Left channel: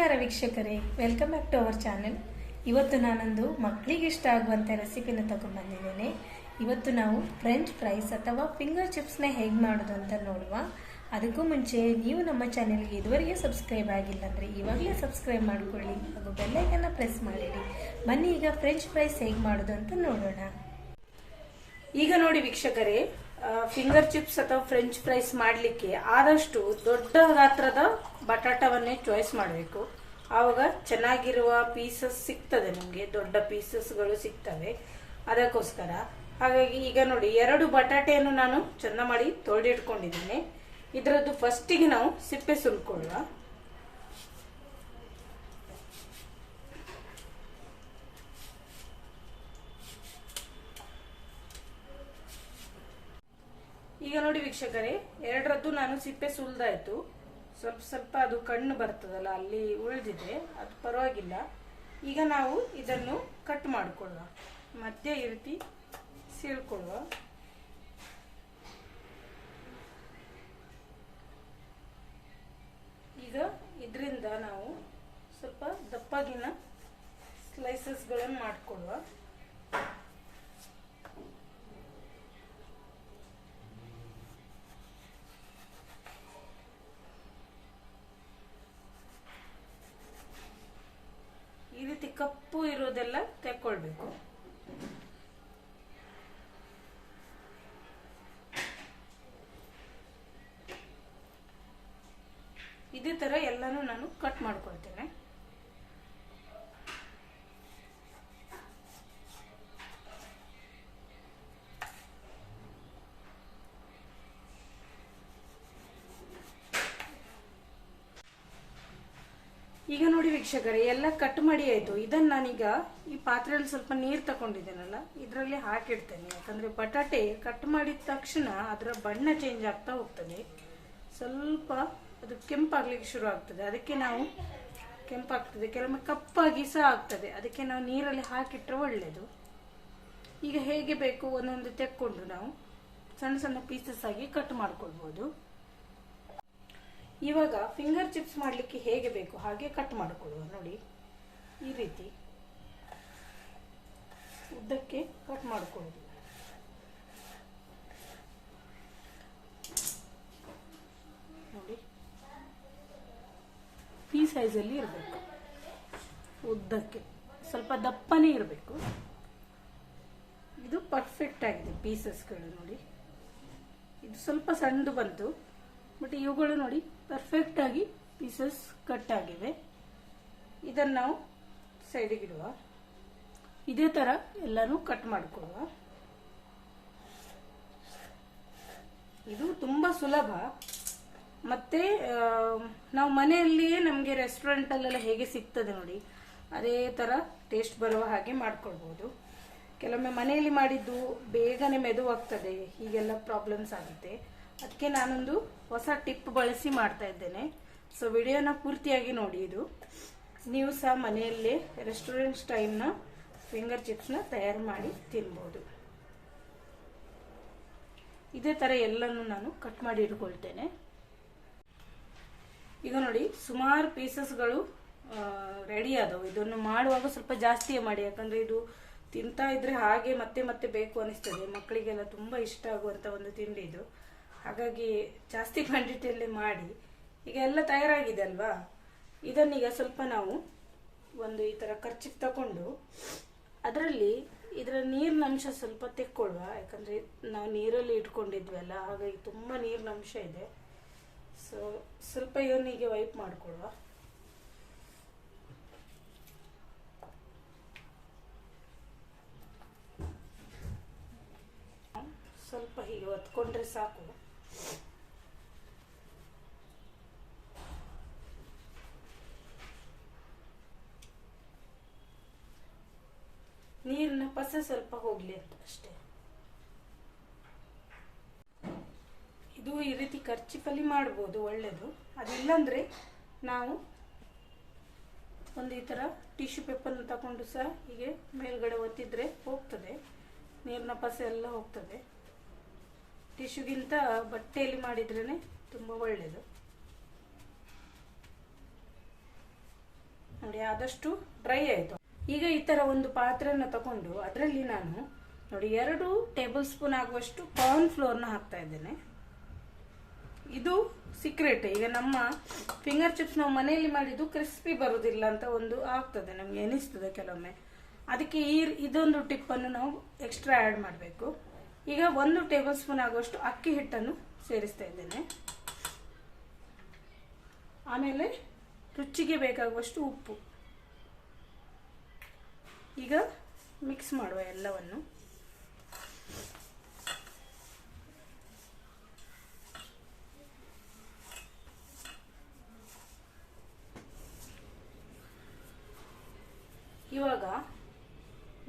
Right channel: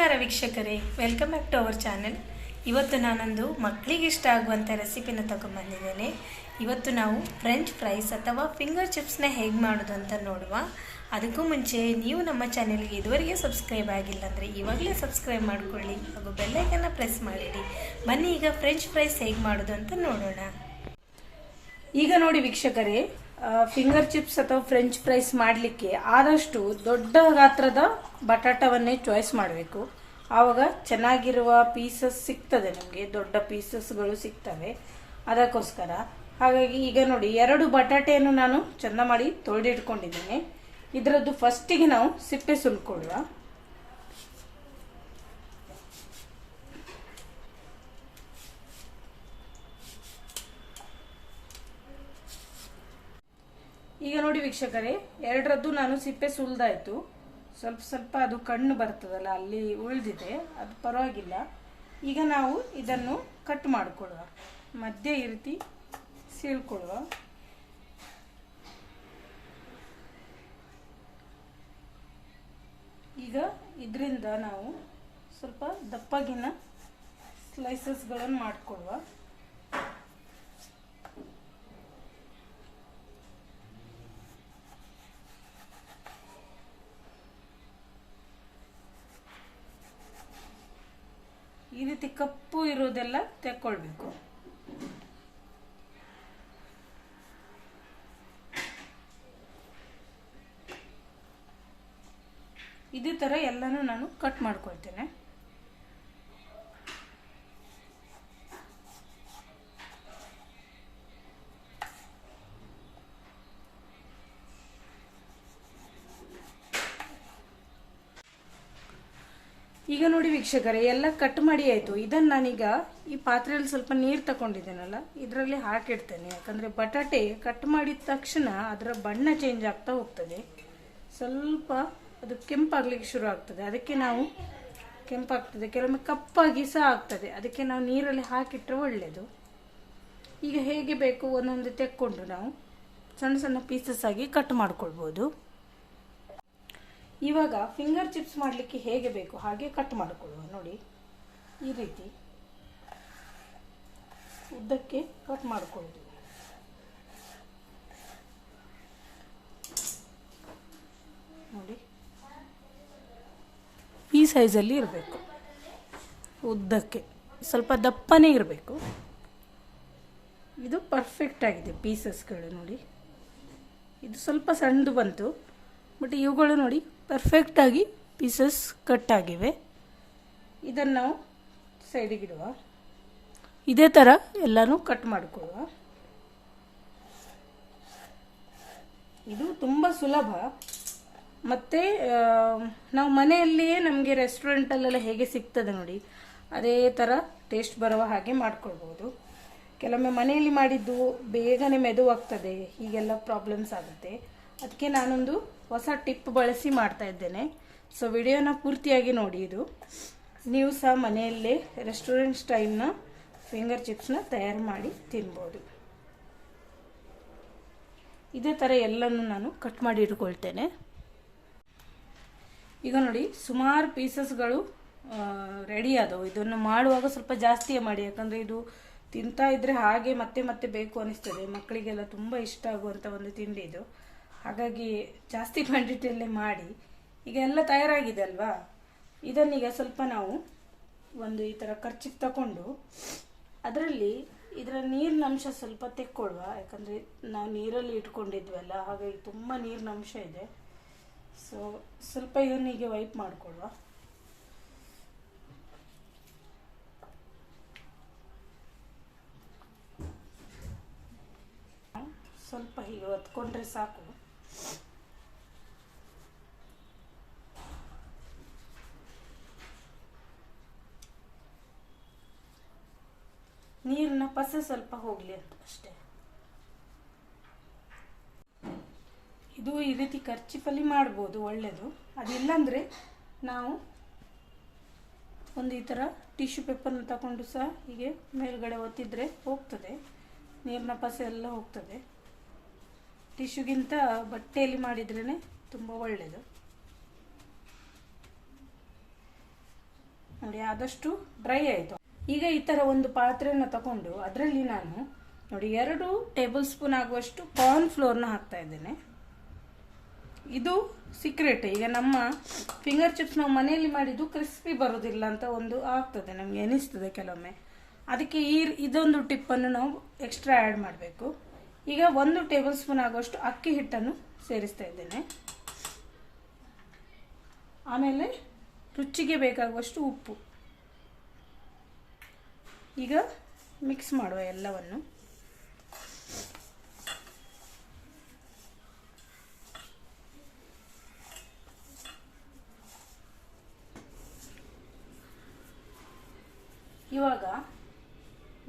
ನಮಸ್ಕಾರ ವೀಕ್ಷಕರೇ, welcome back to our channel. ಇವತ್ತು ನಾನೊಂದು ಮಕ್ಕಳಿಗೆ ಇಷ್ಟ ಆಗುವಂಥ ರೆಸಿಪಿನ ತಗೊಂಡ್ಬಂದಿದ್ದೇನೆ. ಇವತ್ತು ನಾವು ಫ್ರೆಂಚ್ ಫ್ರೈಸ್ ಅಥವಾ ಫಿಂಗರ್ ಚಿಪ್ಸ್ನ ಹೇಗೆ ಮಾಡೋದು ಅಂತ ನೋಡುವ. ಅದಕ್ಕೂ ಮುಂಚೆ ನೀವು ನಮ್ಮ ಚಾನೆಲ್ಗೆ ಇದುವರೆಗೆ ಸಬ್ಸ್ಕ್ರೈಬ್ ಆಗಿಲ್ಲ ಅಂದರೆ ಇವಾಗಲೇ ಸಬ್ಸ್ಕ್ರೈಬ್ ಮಾಡಿಕೊಳ್ಳಿ ಹಾಗೂ ಬೆಲ್ಲೈಕನ್ನ ಪ್ರೆಸ್ ಮಾಡಿಡಿ. ಬನ್ನಿ ಈಗ ಫ್ರೆಂಚ್ ಫ್ರೈಸ್ ಹೇಗೆ ಮಾಡೋದು ಅಂತ ನೋಡೋಣ. ಈಗ ನೋಡಿ ವೀಕ್ಷಕರೇ, ಫಿಂಗರ್ ಚಿಪ್ಸ್ ಅಥವಾ ಫ್ರೆಂಚ್ ಫ್ರೈಸ್ ಮಾಡಲಿಕ್ಕೆ ಆದಷ್ಟು ದೊಡ್ಡ ಗಾತ್ರದ ಬಟಾಟವನ್ನೇ ಚಾಯ್ಸ್ ಮಾಡಬೇಕು. ಆವಾಗ ಚೆನ್ನಾಗಿರುವ ಪೀಸಸ್ ಸಿಗ್ತದೆ, ನಿಮಗೆ ದೊಡ್ಡ ಪೀಸಸ್ಗಳು ಸಿಗ್ತವೆ. ಅದಕ್ಕೋಸ್ಕರ ಹಾಗಾಗಿ ಈಗ ನೋಡಿ, 2 ಬಟಾಟೆಯನ್ನು ನಾನು ಚೆಂದ ಮಾಡಿ ತೊಳೆದಿಟ್ಕೊಂಡಿದ್ದೀನಿ. ಇದರದ್ದು ಫಸ್ಟಿಗೆ ನಾವು ಸಿಪ್ಪೆ ಸುಲ್ಕೊಳ್ಳುವ. ಈಗ ನೋಡಿ ವೀಕ್ಷಕರೇ, 2ರದ್ದು ನಾನು ಸಿಪ್ಪೆ ಸುಲ್ದಾಯ್ತು. ಸ್ವಲ್ಪ ಸ್ವಲ್ಪ ಅದು ಕಣ್ಣು ಬರ್ತದಲ್ಲ, ಅಲ್ಲಿ ಉಳಿದಿದೆ, ಅದು ಪರವಾಗಿಲ್ಲ. ಈಗ ನಾವು ಇದನ್ನು ಕಟ್ ಮಾಡಿಕೊಳ್ಳುವ, ಮಧ್ಯೆ ಈ ರೀತಿ ಸೀಳ್ಕೊಳ್ಳುವ. ಈಗ ಇದರಿಂದ ನಾವು ಸ್ವಲ್ಪ ದಪ್ಪಗಿನ ಸ್ಲೈಸಸ್ಗಳನ್ನು ಮಾಡಿಕೊಳ್ಳುವ. ಈ ರೀತಿ ಕಪ್ಪು ಇರೋದೆಲ್ಲ ತೆಕ್ಕೊಳ್ಬೇಕು. ಇದೇ ತರ ಎಲ್ಲಾನು ನಾನು ಕಟ್ ಮಾಡ್ಕೊಳ್ತೇನೆ. ಈಗ ನೋಡಿ ವೀಕ್ಷಕರೇ, ಎಲ್ಲ ಕಟ್ ಮಾಡಿ ಆಯ್ತು. ಇದನ್ನ ನಾನೀಗ ಈ ಪಾತ್ರೆಯಲ್ಲಿ ಸ್ವಲ್ಪ ನೀರು ತಗೊಂಡಿದ್ದೇನಲ್ಲ, ಇದರಲ್ಲಿ ಹಾಕಿಡ್ತೇನೆ. ಯಾಕಂದ್ರೆ ಬಟಾಟೆ ಕಟ್ ಮಾಡಿದ ತಕ್ಷಣ ಅದರ ಬಣ್ಣ ಚೇಂಜ್ ಆಗ್ತಾ ಹೋಗ್ತದೆ. ಸ್ವಲ್ಪ ಅದು ಕೆಂಪಾಗ್ಲಿಕ್ಕೆ ಶುರು ಆಗ್ತದೆ. ಅದಕ್ಕೆ ನಾವು ಕೆಂಪಾಗ್ತದೆ, ಕೆಲವೊಮ್ಮೆ ಕಪ್ಪಾಗಿ ಸಹ ಆಗ್ತದೆ. ಅದಕ್ಕೆ ನಾವು ನೀರಲ್ಲಿ ಹಾಕಿಟ್ರೆ ಒಳ್ಳೇದು. ಈಗ ಹೇಗೆ ಬೇಕು ಒಂದೊಂದು ತೆಕ್ಕೊಂಡು ನಾವು ಸಣ್ಣ ಸಣ್ಣ ಪೀಸಸ್ ಆಗಿ ಕಟ್ ಮಾಡ್ಕೊಳ್ಬಹುದು. ಇವಾಗ ಫಿಂಗರ್ ಚಿಪ್ಸ್ ಮಾಡಲಿಕ್ಕೆ ಹೇಗೆ ಬೇಕು ಹಾಗೆ ಕಟ್ ಮಾಡಿಕೊಳ್ಳುವ. ನೋಡಿ, ಈ ರೀತಿ ಉದ್ದಕ್ಕೆ ಕಟ್ ಮಾಡಿಕೊಳ್ಳುದು. ನೋಡಿ, ಈ ಸೈಜಲ್ಲಿ ಇರಬೇಕು, ಉದ್ದಕ್ಕೆ ಸ್ವಲ್ಪ ದಪ್ಪನೇ ಇರಬೇಕು. ಇದು ಪರ್ಫೆಕ್ಟ್ ಆಗಿದೆ ಪೀಸಸ್ಗಳು. ನೋಡಿ, ಇದು ಸ್ವಲ್ಪ ಸಣ್ಣದು ಬಂತು, ಬಟ್ ಇವುಗಳು ನೋಡಿ ಪರ್ಫೆಕ್ಟ್ ಆಗಿ ಪೀಸಸ್ ಕಟ್ ಆಗಿವೆ. ಇದನ್ನು ನಾವು ಸೈಡಿಗೆ ಇಡುವ. ಇದೇ ಥರ ಎಲ್ಲನೂ ಕಟ್ ಮಾಡಿಕೊಳ್ಳುವ. ಇದು ತುಂಬ ಸುಲಭ. ಮತ್ತು ನಾವು ಮನೆಯಲ್ಲಿಯೇ ನಮಗೆ ರೆಸ್ಟೋರೆಂಟಲ್ಲೆಲ್ಲ ಹೇಗೆ ಸಿಗ್ತದೆ ನೋಡಿ, ಅದೇ ಥರ ಟೇಸ್ಟ್ ಬರುವ ಹಾಗೆ ಮಾಡ್ಕೊಳ್ಬೋದು. ಕೆಲವೊಮ್ಮೆ ಮನೆಯಲ್ಲಿ ಮಾಡಿದ್ದು ಬೇಗನೆ ಮೆದುವಾಗ್ತದೆ, ಹೀಗೆಲ್ಲ ಪ್ರಾಬ್ಲಮ್ಸ್ ಆಗುತ್ತೆ. ಅದಕ್ಕೆ ನಾನೊಂದು ಹೊಸ ಟಿಪ್ ಬಳಸಿ ಮಾಡ್ತಾ ಇದ್ದೇನೆ. ಸೊ ವಿಡಿಯೋನ ಪೂರ್ತಿಯಾಗಿ ನೋಡಿ. ಇದು ನೀವು ಸಹ ಮನೆಯಲ್ಲೇ ರೆಸ್ಟೋರೆಂಟ್ ಸ್ಟೈಲ್ನ ಫಿಂಗರ್ ಚಿಪ್ಸ್ನ ತಯಾರು ಮಾಡಿ ತಿನ್ಬೋದು. ಇದೇ ಥರ ಎಲ್ಲನೂ ನಾನು ಕಟ್ ಮಾಡಿ ಇಟ್ಕೊಳ್ತೇನೆ. ಈಗ ನೋಡಿ, ಸುಮಾರು ಪೀಸಸ್ಗಳು ರೆಡಿ ಆದವು. ಇದನ್ನು ಮಾಡುವಾಗ ಸ್ವಲ್ಪ ಜಾಸ್ತಿಯೇ ಮಾಡಿ, ಯಾಕಂದರೆ ಇದು ತಿಂತಾ ಇದ್ರೆ ಹಾಗೆ ಮತ್ತೆ ಮತ್ತೆ ಬೇಕು ಅನಿಸ್ತದೆ. ಮಕ್ಕಳಿಗೆಲ್ಲ ತುಂಬ ಇಷ್ಟ ಆಗುವಂಥ ಒಂದು ತಿಂಡಿ ಇದು. ಹಾಗಾಗಿ ಜಾಸ್ತಿ ಕ್ವಾಂಟಿಟಿಯಲ್ಲೇ ಮಾಡಿ. ಈಗ ಎಲ್ಲ ತಯಾರಾಗಿದೆ ಅಲ್ವಾ, ಇದನ್ನೀಗ ಸ್ವಲ್ಪ ನಾವು ಒಂದು ಈ ಥರ ಕರ್ಚಿಪ್ ತಗೊಂಡು ಅದರಲ್ಲಿ ಇದರ ನೀರಿನ ಅಂಶ ಸ್ವಲ್ಪ ತೆಕ್ಕೊಳ್ಳುವ. ಯಾಕಂದರೆ ನಾವು ನೀರಲ್ಲಿ ಇಟ್ಕೊಂಡಿದ್ವಲ್ಲ, ಹಾಗಾಗಿ ತುಂಬ ನೀರಿನ ಅಂಶ ಇದೆ. ಸೊ ಸ್ವಲ್ಪ ಇದನ್ನೀಗ ವೈಪ್ ಮಾಡಿಕೊಳ್ಳುವ. ಸ್ವಲ್ಪ ಹೀಗೆ ಒತ್ಕೊಂಡ್ರೆ ಸಾಕು. ನೀರಿನ ಪಸೆ ಸ್ವಲ್ಪ ಹೋಗ್ಲಿ ಅಂತ ಅಷ್ಟೇ. ಇದು ಈ ರೀತಿ ಕರ್ಚಿಫಲ್ಲಿ ಮಾಡ್ಬೋದು, ಒಳ್ಳೇದು. ಅದಿಲ್ಲಂದ್ರೆ ನಾವು ಒಂದು ಈ ಥರ ಟಿಶ್ಯೂ ಪೇಪರ್ನ ತಗೊಂಡು ಸಹ ಹೀಗೆ ಮೇಲ್ಗಡೆ ಒತ್ತಿದ್ರೆ ಹೋಗ್ತದೆ, ನೀರಿನ ಪಸೆ ಎಲ್ಲ ಹೋಗ್ತದೆ. ಟಿಶ್ಯೂಗಿಂತ ಬಟ್ಟೆಯಲ್ಲಿ ಮಾಡಿದ್ರೇ ತುಂಬ ಒಳ್ಳೆಯದು. ನೋಡಿ ಆದಷ್ಟು ಡ್ರೈ ಆಯಿತು. ಈಗ ಈ ಥರ ಒಂದು ಪಾತ್ರೆಯನ್ನು ತಗೊಂಡು ಅದರಲ್ಲಿ ನಾನು ನೋಡಿ 2 ಟೇಬಲ್ ಸ್ಪೂನ್ ಆಗುವಷ್ಟು ಕಾರ್ನ್ ಫ್ಲೋರ್ನ ಹಾಕ್ತಾ ಇದ್ದೇನೆ. ಇದು ಸೀಕ್ರೆಟ್. ಈಗ ನಮ್ಮ ಫಿಂಗರ್ ಚಿಪ್ಸ್ ನಾವು ಮನೆಯಲ್ಲಿ ಮಾಡಿದ್ದು ಕ್ರಿಸ್ಪಿ ಬರೋದಿಲ್ಲ ಅಂತ ಒಂದು ಆಗ್ತದೆ, ನಮಗೆ ಅನಿಸ್ತದೆ ಕೆಲವೊಮ್ಮೆ. ಅದಕ್ಕೆ ಇದೊಂದು ಟಿಪ್ಪನ್ನು ನಾವು ಎಕ್ಸ್ಟ್ರಾ ಆ್ಯಡ್ ಮಾಡಬೇಕು. ಈಗ 1 ಟೇಬಲ್ ಸ್ಪೂನ್ ಆಗುವಷ್ಟು ಅಕ್ಕಿ ಹಿಟ್ಟನ್ನು ಸೇರಿಸ್ತಾ ಇದ್ದೇನೆ. ಆಮೇಲೆ ರುಚಿಗೆ ಬೇಕಾಗುವಷ್ಟು ಉಪ್ಪು. ಈಗ ಮಿಕ್ಸ್ ಮಾಡುವ ಎಲ್ಲವನ್ನು. ಇವಾಗ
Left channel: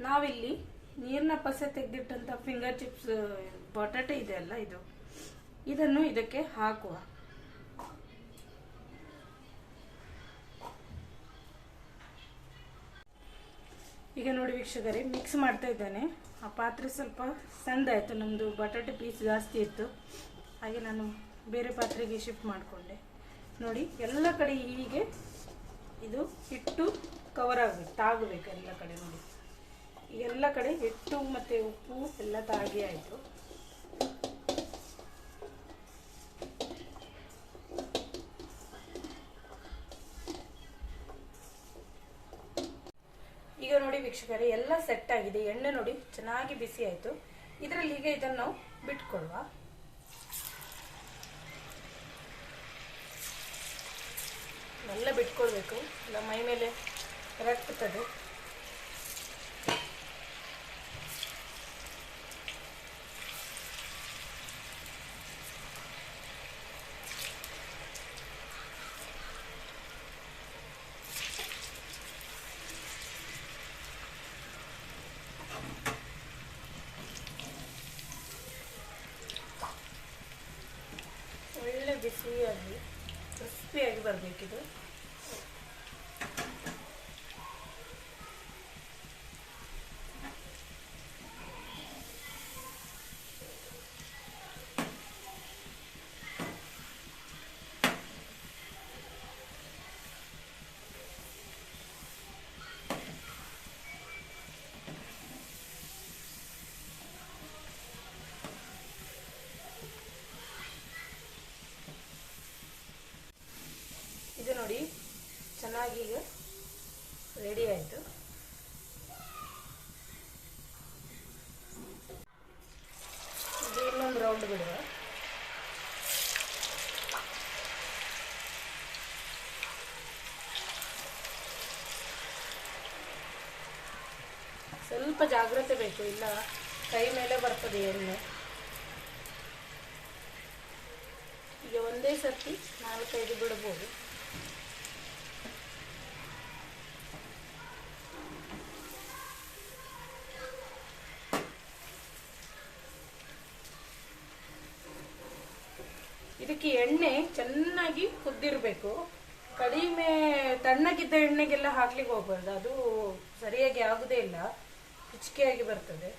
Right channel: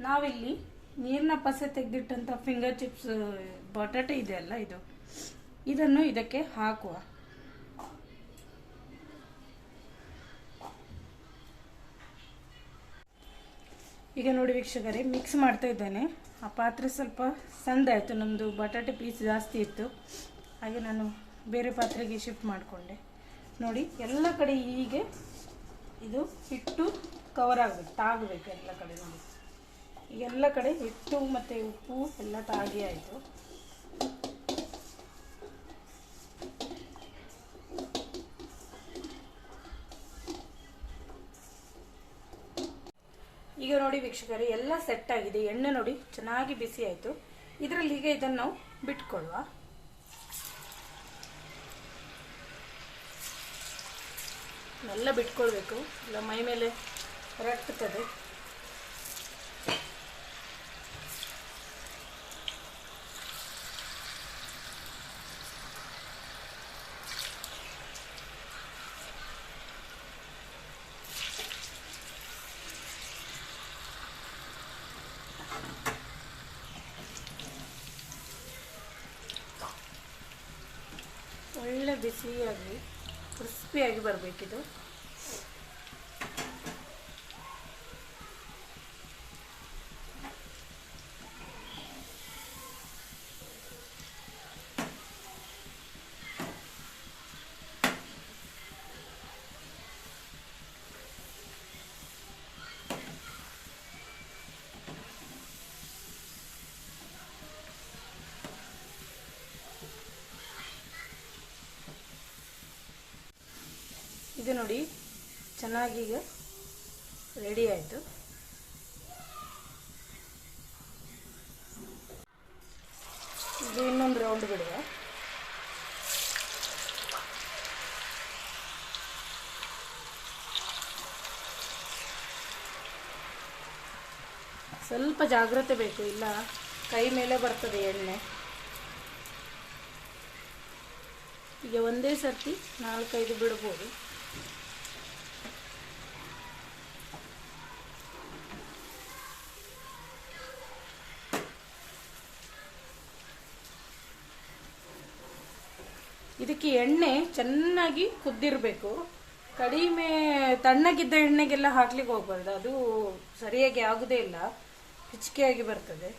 ನಾವಿಲ್ಲಿ ನೀರಿನ ಪಸೆ ತೆಗೆದಿಟ್ಟಂತ ಫಿಂಗರ್ ಚಿಪ್ಸ್ ಬಟಾಟೆ ಇದೆಯಲ್ಲ, ಇದನ್ನು ಇದಕ್ಕೆ ಹಾಕುವ. ಈಗ ನೋಡಿ ವೀಕ್ಷಕರೇ, ಮಿಕ್ಸ್ ಮಾಡ್ತಾ ಇದ್ದೇನೆ. ಆ ಪಾತ್ರೆ ಸ್ವಲ್ಪ ಸಣ್ಣದಾಯಿತು, ನಮ್ಮದು ಬಟಾಟೆ ಪೀಸ್ ಜಾಸ್ತಿ ಇತ್ತು, ಹಾಗೆ ನಾನು ಬೇರೆ ಪಾತ್ರೆಗೆ ಶಿಫ್ಟ್ ಮಾಡಿಕೊಂಡೆ. ನೋಡಿ ಎಲ್ಲ ಕಡೆ ಹೀಗೆ ಇದು ಹಿಟ್ಟು ಕವರ್ ಆಗಬೇಕು, ತಾಗಬೇಕು ಎಲ್ಲ ಕಡೆ. ನೋಡಿ ಎಲ್ಲ ಕಡೆ ಹಿಟ್ಟು ಮತ್ತು ಉಪ್ಪು ಎಲ್ಲ ತಾಗಿ ಆಯಿತು. ಈಗ ನೋಡಿ ವೀಕ್ಷಕರೇ, ಎಲ್ಲ ಸೆಟ್ ಆಗಿದೆ. ಎಣ್ಣೆ ನೋಡಿ ಚೆನ್ನಾಗಿ ಬಿಸಿ ಆಯಿತು. ಇದರಲ್ಲಿ ಈಗ ಇದನ್ನು ನಾವು ಬಿಟ್ಕೊಳ್ಳುವ. ಎಲ್ಲ ಬಿಟ್ಕೊಳ್ಬೇಕು, ಇಲ್ಲ ಮೈ ಮೇಲೆ ರಟ್ಟುತ್ತದೆ. ಒಳ್ಳೆ ಬಿಸಿಯಾಗಿ ಕ್ರಿಸ್ಪಿಯಾಗಿ ಬರಬೇಕಿದು. ಇದು ನೋಡಿ ಚೆನ್ನಾಗಿ ಈಗ ರೆಡಿ ಆಯಿತು. ಇದು ಇನ್ನೊಂದು ರೌಂಡ್ ಬಿಡುವ. ಸ್ವಲ್ಪ ಜಾಗ್ರತೆ ಬೇಕು, ಇಲ್ಲ ಕೈ ಮೇಲೆ ಬರ್ತದೆ ಎಣ್ಣೆ. ಈಗ ಒಂದೇ ಸರ್ತಿ 4-5 ಬಿಡಬಹುದು. ಇದಕ್ಕೆ ಎಣ್ಣೆ ಚೆನ್ನಾಗಿ ಕುದ್ದಿರಬೇಕು. ಕಡಿಮೆ ತಣ್ಣಗಿದ್ದ ಎಣ್ಣೆಗೆಲ್ಲ ಹಾಕ್ಲಿಕ್ಕೆ ಹೋಗ್ಬಾರ್ದು, ಅದು ಸರಿಯಾಗಿ ಆಗುದೇ ಇಲ್ಲ, ಹಿಚ್ಕೆಯಾಗಿ ಬರ್ತದೆ.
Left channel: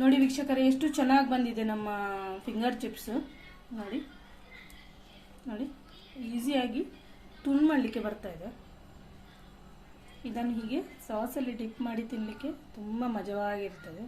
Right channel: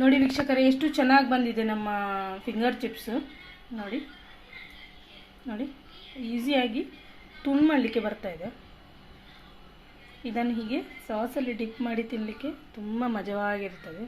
ನೋಡಿ ವೀಕ್ಷಕರೇ, ಎಷ್ಟು ಚೆನ್ನಾಗಿ ಬಂದಿದೆ ನಮ್ಮ ಫಿಂಗರ್ ಚಿಪ್ಸ್. ನೋಡಿ ನೋಡಿ ಈಸಿಯಾಗಿ ತುಂಡು ಮಾಡಲಿಕ್ಕೆ ಬರ್ತಾ ಇದೆ. ಇದನ್ನು ಹೀಗೆ ಸಾಸಲ್ಲಿ ಡಿಪ್ ಮಾಡಿ ತಿನ್ನಲಿಕ್ಕೆ ತುಂಬ ಮಜವಾಗಿರ್ತದೆ.